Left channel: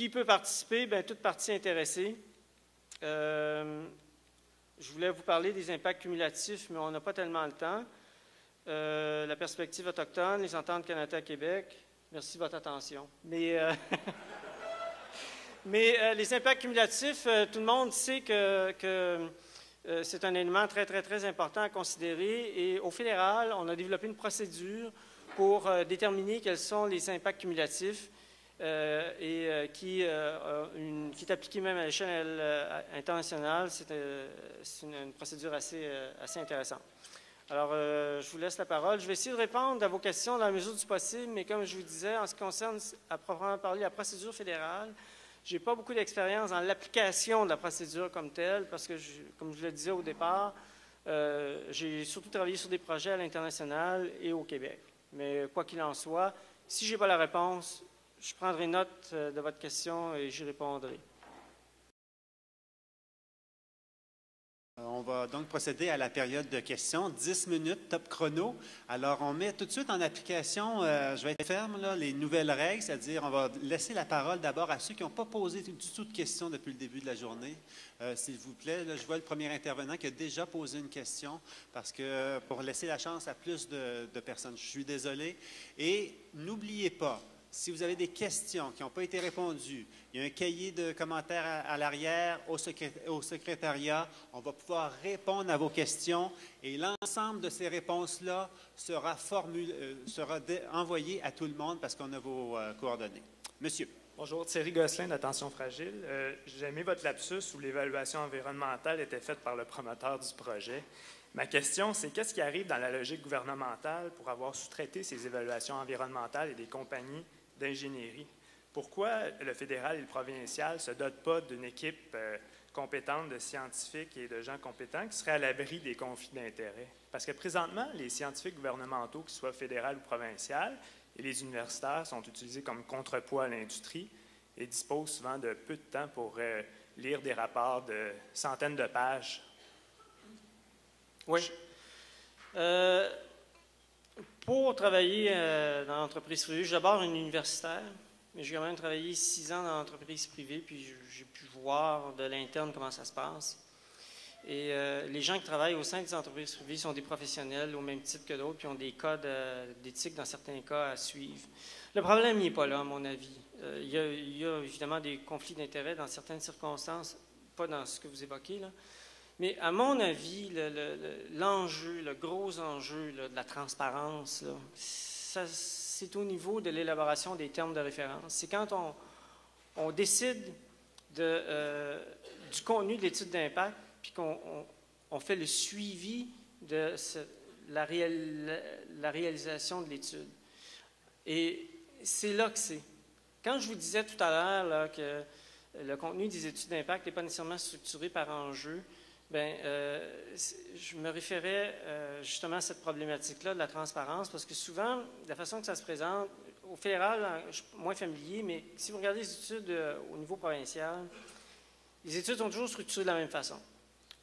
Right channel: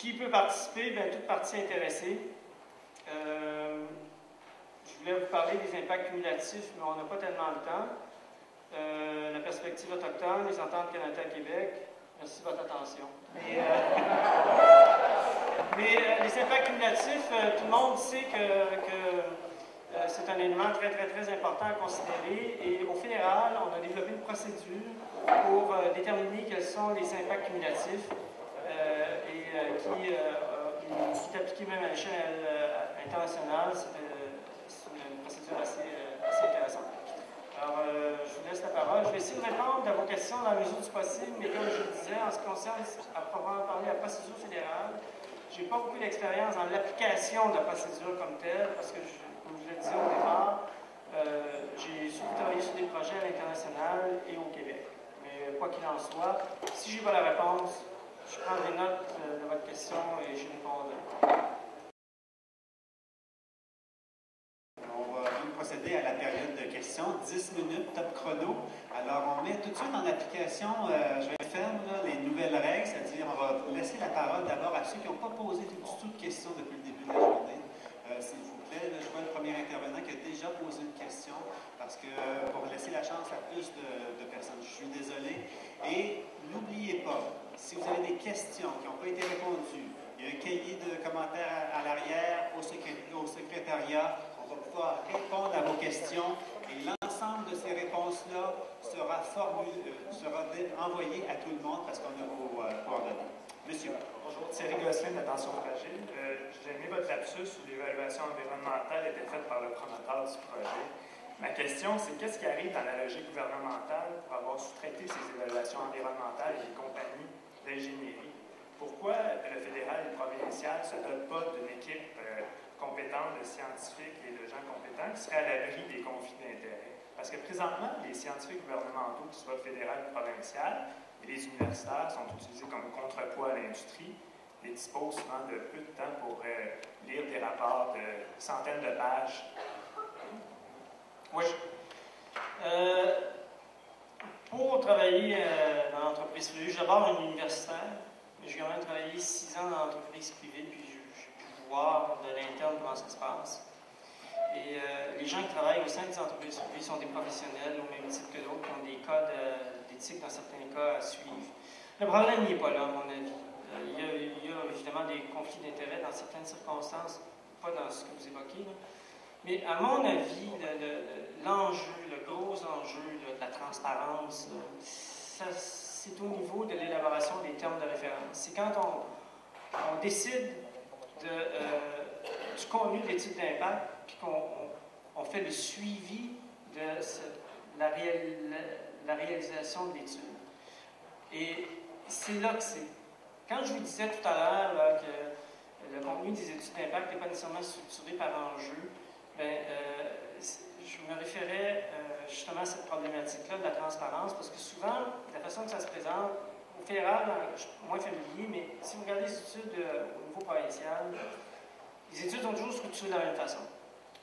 Qui peut participer? Bien, toute partie intéressée. Je voulais vous parler des impacts cumulatifs, mais on n'a pas tellement le temps. La perspective autochtone, les ententes Canada-Québec. Merci de votre attention. Mais les impacts cumulatifs, tout le monde sait que c'est un élément très, très, très important à considérer. Et au fédéral, on a développé une procédure pour déterminer quels sont les impacts cumulatifs qui est appliquée même à l'échelle internationale. C'est une procédure assez intéressante. Alors, je vous laisse la parole. Je vais essayer de répondre à vos questions dans la mesure du possible, mais comme je le disais, en ce qui concerne à proprement parler la procédure fédérale, je n'ai pas beaucoup d'expérience dans l'application de la procédure comme telle, parce que, comme je le disais au départ, j'ai surtout travaillé sur des projets à l'international et au Québec. Mais quoi qu'il en soit, si je n'ai pas la réponse, je prends des notes de votre question et j'y répondrai. On va donc procéder à la période de questions, 10 minutes, top chrono. Alors, on met tout de suite en application, je vais être ferme, là, les nouvelles règles, c'est-à-dire on va laisser la parole d'abord à ceux qui n'ont pas posé du tout de questions depuis le début de la journée. S'il vous plaît, là, je vois le premier intervenant qui a déjà posé une question, parce que pour laisser la chance à plus de personnes, je suis désolé. Et n'oubliez pas, si vous avez des questions qui n'ont pas été répondues, il y a un cahier de commentaires à l'arrière au secrétariat. On va pouvoir répondre à vos questions et l'ensemble de ces réponses-là sera envoyé à tout le monde parce qu'on a vos coordonnées. Monsieur. Bonjour, Thierry Gosselin d'Attention Fragile. J'ai aimé votre lapsus où l'évaluation environnementale était faite par le promoteur du projet. Ma question, c'est qu'est-ce qui arrive dans la logique gouvernementale pour avoir sous-traité ces évaluations environnementales et des compagnies d'ingénierie? Pourquoi le fédéral et le provincial ne se dotent pas d'une équipe compétente de scientifiques et de gens compétents qui seraient à l'abri des conflits d'intérêts? Parce que présentement, les scientifiques gouvernementaux, qu'ils soient fédéral ou provincial, et les universitaires sont utilisés comme contrepoids à l'industrie et disposent souvent de peu de temps pour lire des rapports de centaines de pages. Oui. Pour travailler dans l'entreprise privée, je suis d'abord un universitaire, mais j'ai quand même travaillé 6 ans dans l'entreprise privée, puis j'ai pu voir de l'interne comment ça se passe. Et les gens qui travaillent au sein des entreprises privées sont des professionnels au même titre que d'autres, qui ont des codes d'éthique dans certains cas à suivre. Le problème n'est pas là, à mon avis. Il y a évidemment des conflits d'intérêts dans certaines circonstances, pas dans ce que vous évoquez, là. Mais à mon avis, l'enjeu, le gros enjeu de la transparence, c'est au niveau de l'élaboration des termes de référence. C'est quand on décide du contenu de l'étude d'impact, puis qu'on fait le suivi de la réalisation de l'étude. Et c'est là que c'est. Quand je vous disais tout à l'heure que le contenu des études d'impact n'est pas nécessairement structuré par enjeu, je me référais justement à cette problématique-là de la transparence, parce que souvent, la façon que ça se présente, au fédéral, je suis moins familier, mais si vous regardez les études au niveau provincial, les études sont toujours structurées de la même façon.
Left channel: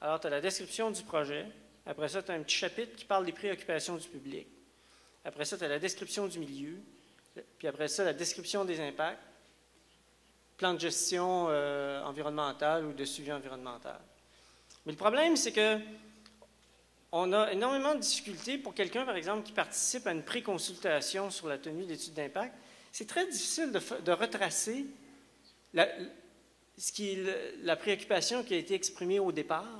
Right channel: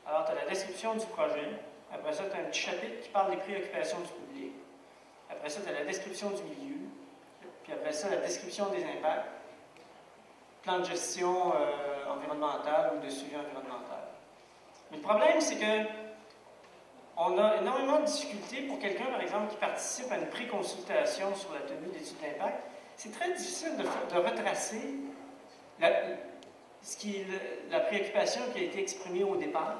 Alors, tu as la description du projet, après ça, tu as un petit chapitre qui parle des préoccupations du public, après ça, tu as la description du milieu, puis après ça, la description des impacts, plan de gestion environnementale ou de suivi environnemental. Mais le problème, c'est que on a énormément de difficultés pour quelqu'un, par exemple, qui participe à une pré-consultation sur la tenue d'études d'impact. C'est très difficile de retracer la préoccupation qui a été exprimée au départ,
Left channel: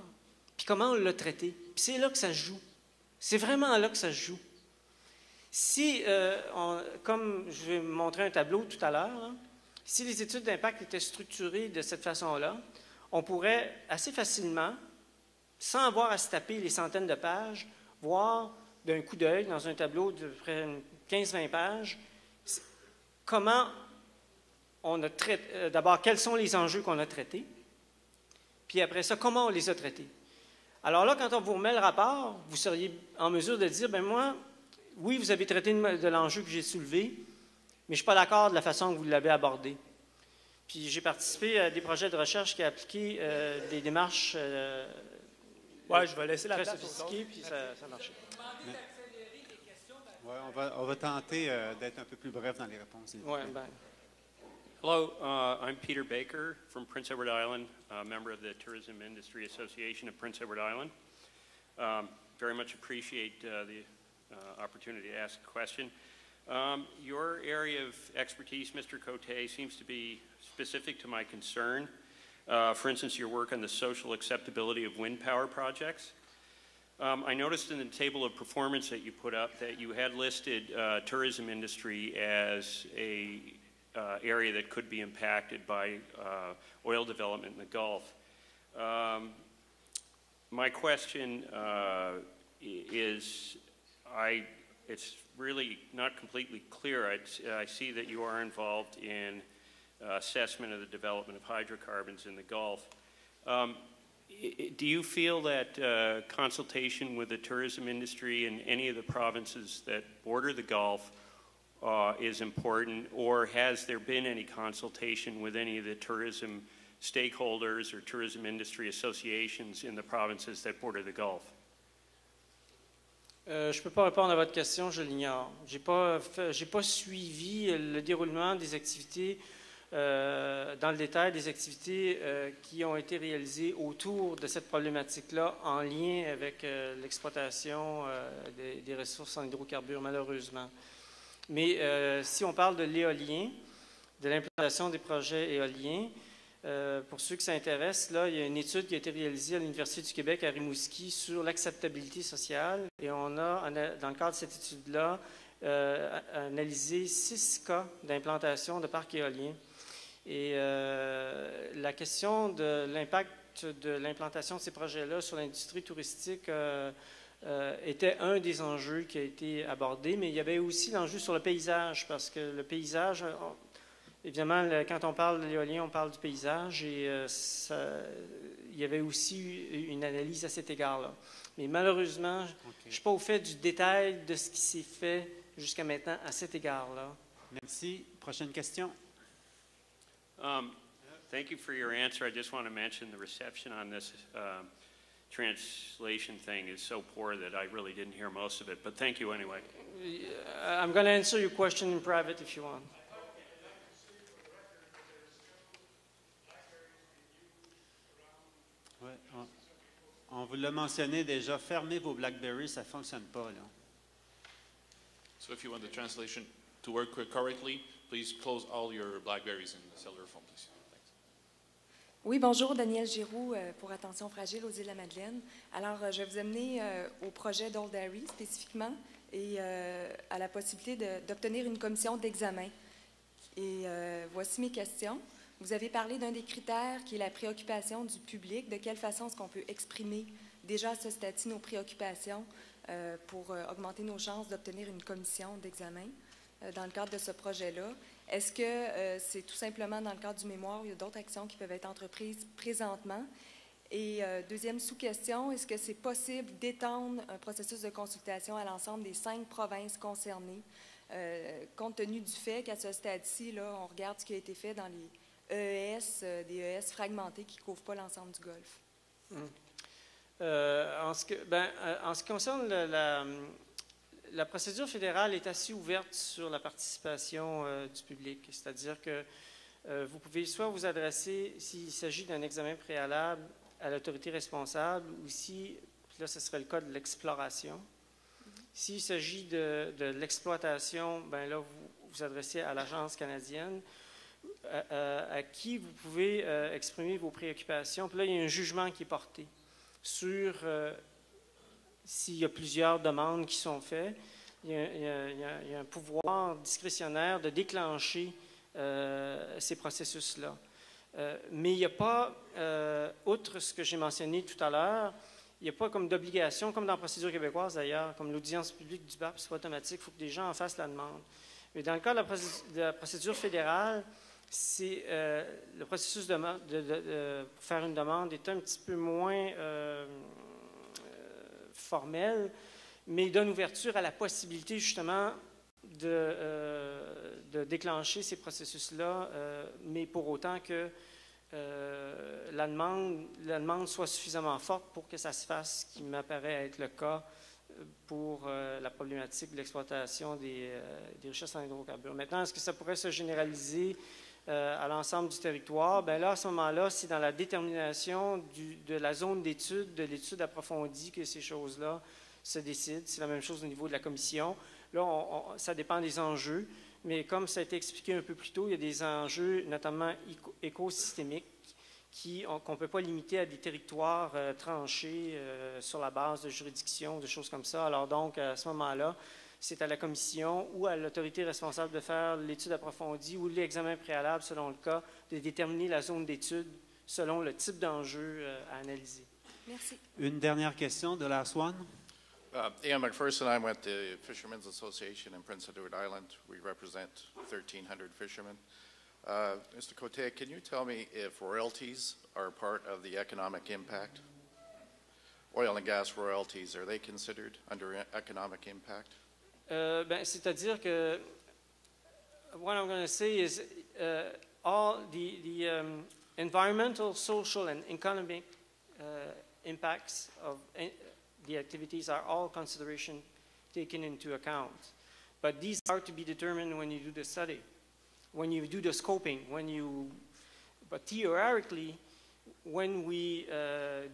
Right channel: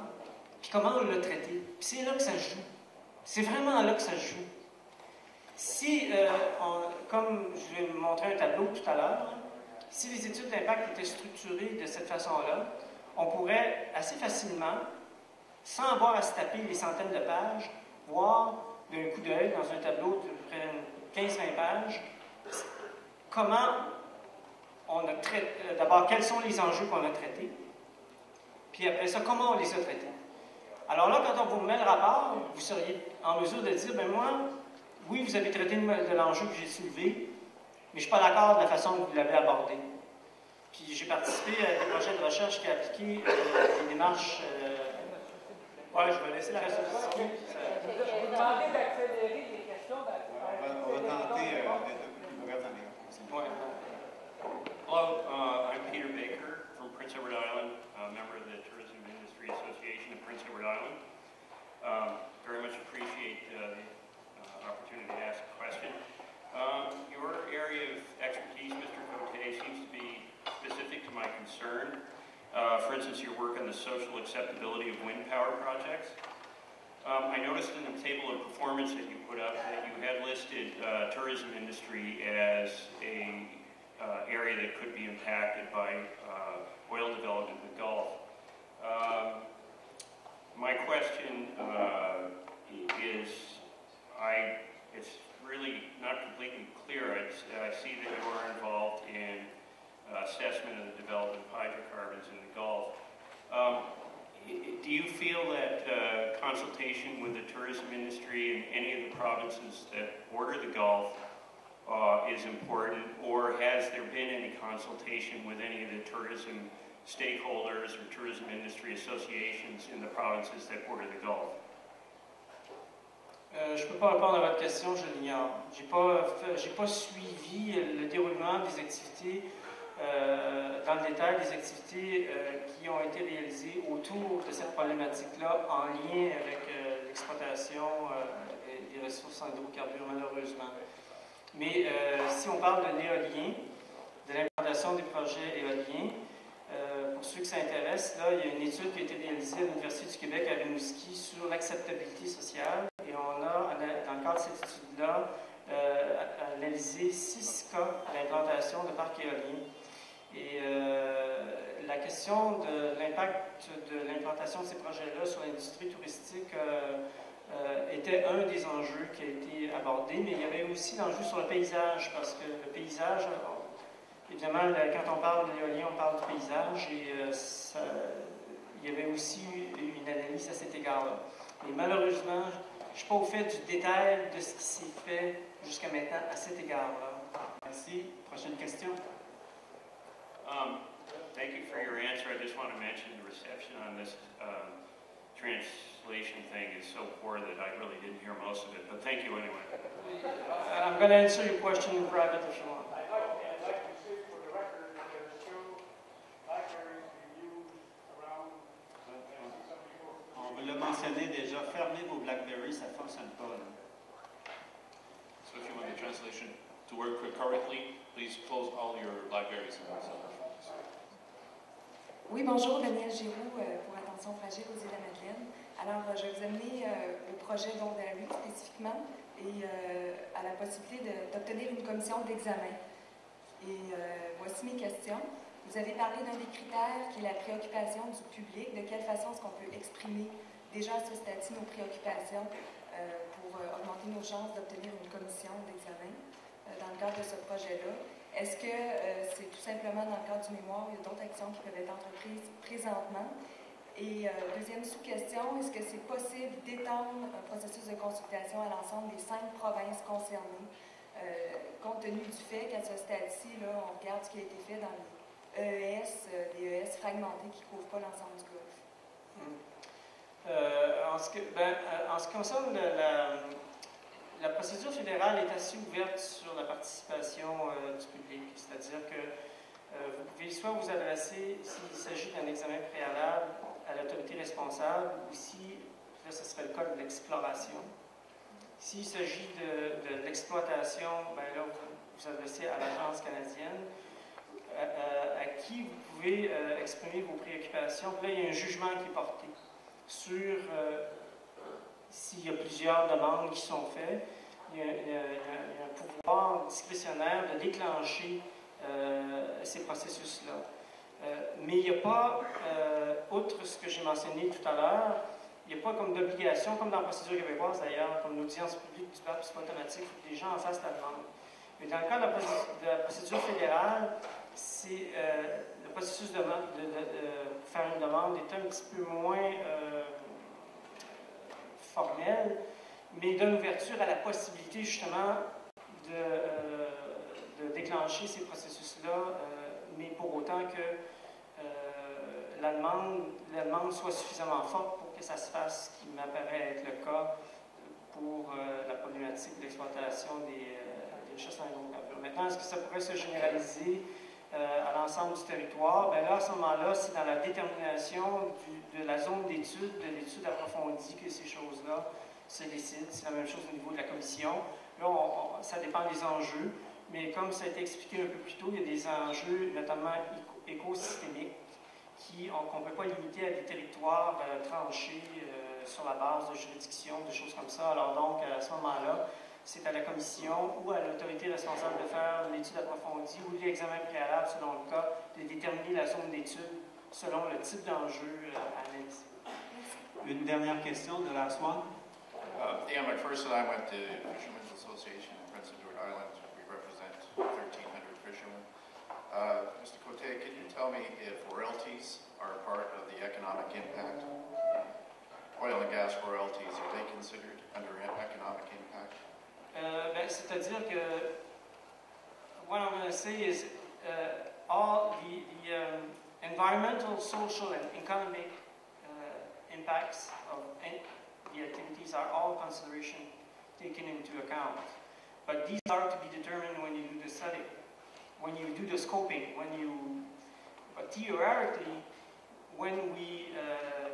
puis comment on l'a traitée. Puis c'est là que ça joue. C'est vraiment là que ça joue. Si, comme je vais montrer un tableau tout à l'heure, si les études d'impact étaient structurées de cette façon-là, on pourrait assez facilement, sans avoir à se taper les centaines de pages, voir d'un coup d'œil dans un tableau de près de 15-20 pages, comment on a traité, d'abord quels sont les enjeux qu'on a traités, puis après ça, comment on les a traités. Alors là, quand on vous met le rapport, vous seriez en mesure de dire, ben moi, oui, vous avez traité de l'enjeu que j'ai soulevé, mais je ne suis pas d'accord de la façon que vous l'avez abordé. Puis j'ai participé à des projets de recherche qui ont appliqué des démarches oui, je vais laisser la sophistiquée. Je vais vous demander d'accélérer les questions. On va tenter d'être un peu plus bref dans les réponses. Ouais, Hello, I'm Peter Prince Edward Island, a member of the Tourism Industry Association of Prince Edward Island. Very much appreciate the opportunity to ask a question. Your area of expertise, Mr. Cote, seems to be specific to my concern. For instance, your work on the social acceptability of wind power projects. I noticed in the table of performance that you put up that you had listed tourism industry as a area that could be impacted by oil development in the Gulf. My question is, it's really not completely clear. I see that you are involved in assessment of the development of hydrocarbons in the Gulf. Do you feel that consultation with the tourism industry in any of the provinces that border the Gulf is important, or has there been any consultation with any of the tourism stakeholders or tourism industry associations in the provinces that border the Gulf? Je ne peux pas répondre à votre question, je l'ignore. Je n'ai pas suivi le déroulement des activités, dans le détail des activités qui ont été réalisées autour de cette problématique-là en lien avec l'exploitation des ressources en hydrocarbures, malheureusement. Mais si on parle de l'éolien, de l'implantation des projets éoliens, pour ceux qui s'intéressent, là, il y a une étude qui a été réalisée à l'Université du Québec à Rimouski sur l'acceptabilité sociale. Et on a, dans le cadre de cette étude-là, analysé 6 cas d'implantation de parcs éoliens. Et la question de l'impact de l'implantation de ces projets-là sur l'industrie touristique était un des enjeux qui a été abordé, mais il y avait aussi l'enjeu sur le paysage, parce que le paysage, évidemment, quand on parle de l'éolien, on parle du paysage, et il y avait aussi une analyse à cet égard-là. Mais malheureusement, je ne suis pas au fait du détail de ce qui s'est fait jusqu'à maintenant à cet égard-là. Merci. Prochaine question. Thank you for your answer. I just want to mention the reception on this translation thing is so poor that I really didn't hear most of it, but thank you anyway. I'm going to answer your question in private if you want. I'd like to say for the record that there's 2 libraries being used around. On vous l'a mentionné déjà, fermez vos BlackBerry, ça ne fonctionne pas. Là. So if you want the translation to work correctly, please close all your BlackBerries and cell phones. Oui, bonjour, Danielle Giroux pour Attention Fragile aux Îles-de-la-Madeleine. Alors, je vais vous amener au projet d'Old Harry spécifiquement et à la possibilité d'obtenir une commission d'examen. Et voici mes questions. Vous avez parlé d'un des critères qui est la préoccupation du public. De quelle façon est-ce qu'on peut exprimer déjà à ce stade-ci nos préoccupations pour augmenter nos chances d'obtenir une commission d'examen dans le cadre de ce projet-là? Est-ce que c'est tout simplement dans le cadre du mémoire ou il y a d'autres actions qui peuvent être entreprises présentement? Et deuxième sous-question, est-ce que c'est possible d'étendre un processus de consultation à l'ensemble des 5 provinces concernées, compte tenu du fait qu'à ce stade-ci, là, on regarde ce qui a été fait dans les EES, des EES fragmentés qui ne couvrent pas l'ensemble du Golfe? En ce qui concerne la procédure fédérale est assez ouverte sur la participation du public, c'est-à-dire que vous pouvez soit vous adresser, s'il s'agit d'un examen préalable, à l'autorité responsable, ou si, là, ce serait le cas de l'exploration. S'il s'agit de l'exploitation, bien là, vous vous adressez à l'Agence canadienne, à qui vous pouvez exprimer vos préoccupations. Puis là, il y a un jugement qui est porté sur s'il y a plusieurs demandes qui sont faites. Il y a un pouvoir discrétionnaire de déclencher ces processus-là. Mais il n'y a pas, outre ce que j'ai mentionné tout à l'heure, il n'y a pas comme d'obligation, comme dans la procédure québécoise d'ailleurs, comme l'audience publique du BAP, c'est pas automatique, il faut que les gens en fassent la demande. Mais dans le cas de la procédure fédérale, c'est le processus de faire une demande est un petit peu moins formel, mais donne ouverture à la possibilité justement de déclencher ces processus-là, mais pour autant que la demande soit suffisamment forte pour que ça se fasse, ce qui m'apparaît être le cas pour la problématique de l'exploitation des richesses en hydrocarbures. Maintenant, est-ce que ça pourrait se généraliser à l'ensemble du territoire, bien là, à ce moment-là, c'est dans la détermination de la zone d'étude, de l'étude approfondie que ces choses-là se décident. C'est la même chose au niveau de la commission. Là, ça dépend des enjeux, mais comme ça a été expliqué un peu plus tôt, il y a des enjeux, notamment écosystémiques, qu'on ne peut pas limiter à des territoires tranchés sur la base de juridictions, de choses comme ça. Alors donc, à ce moment-là, c'est à la commission ou à l'autorité responsable de faire l'étude approfondie ou l'examen préalable, selon le cas, de déterminer la zone d'étude selon le type d'enjeu à analyser. Merci. Une dernière question de la Swan. Ian McPherson, I went to Fishermen's Association in Prince Edward Island. We represent 1,300 fishermen. Mr. Cote, can you tell me if royalties are part of the economic impact? Oil and gas royalties, are they considered under economic impact? C'est-à-dire que what I'm going to say is all the environmental, social, and economic impacts of the activities are all consideration taken into account. But these are to be determined when you do the study, when you do the scoping, but theoretically, when we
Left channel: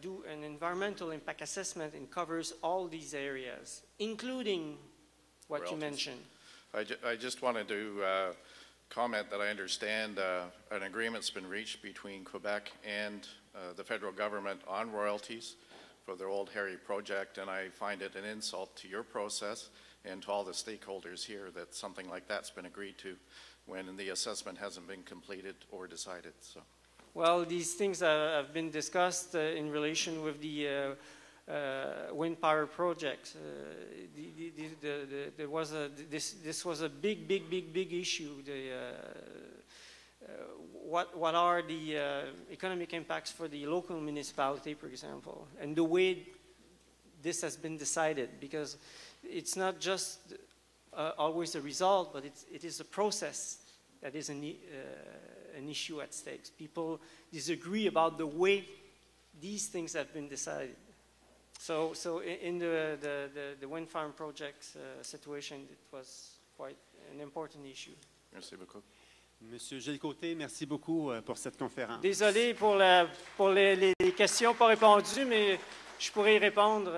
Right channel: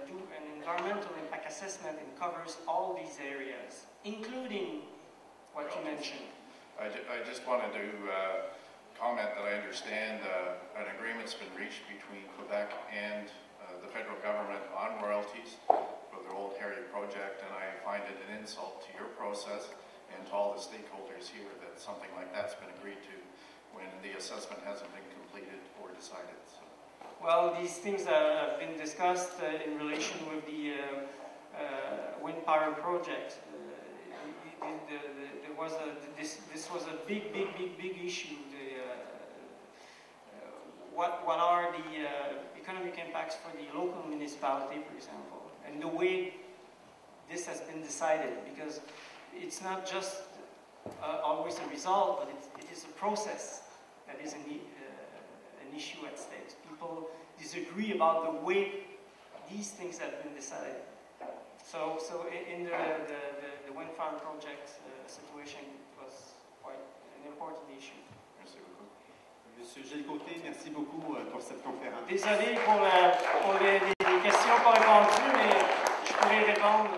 do an environmental impact assessment, it covers all these areas, including what you mentioned. I just wanted to comment that I understand an agreement's been reached between Quebec and the federal government on royalties for the Old Harry project, and I find it an insult to your process and to all the stakeholders here that something like that's been agreed to when the assessment hasn't been completed or decided. So. Well, these things have been discussed in relation with the wind power project. This was a big issue. What are the economic impacts for the local municipality, for example, and the way this has been decided, because it's not just always a result, but it is a process that is an issue at stake. People disagree about the way these things have been decided. So in the wind farm project situation, it was quite an important issue. Merci beaucoup. Monsieur Gilles Côté, merci beaucoup pour cette conférence. Désolé pour les questions pas répondues, mais je pourrais y répondre.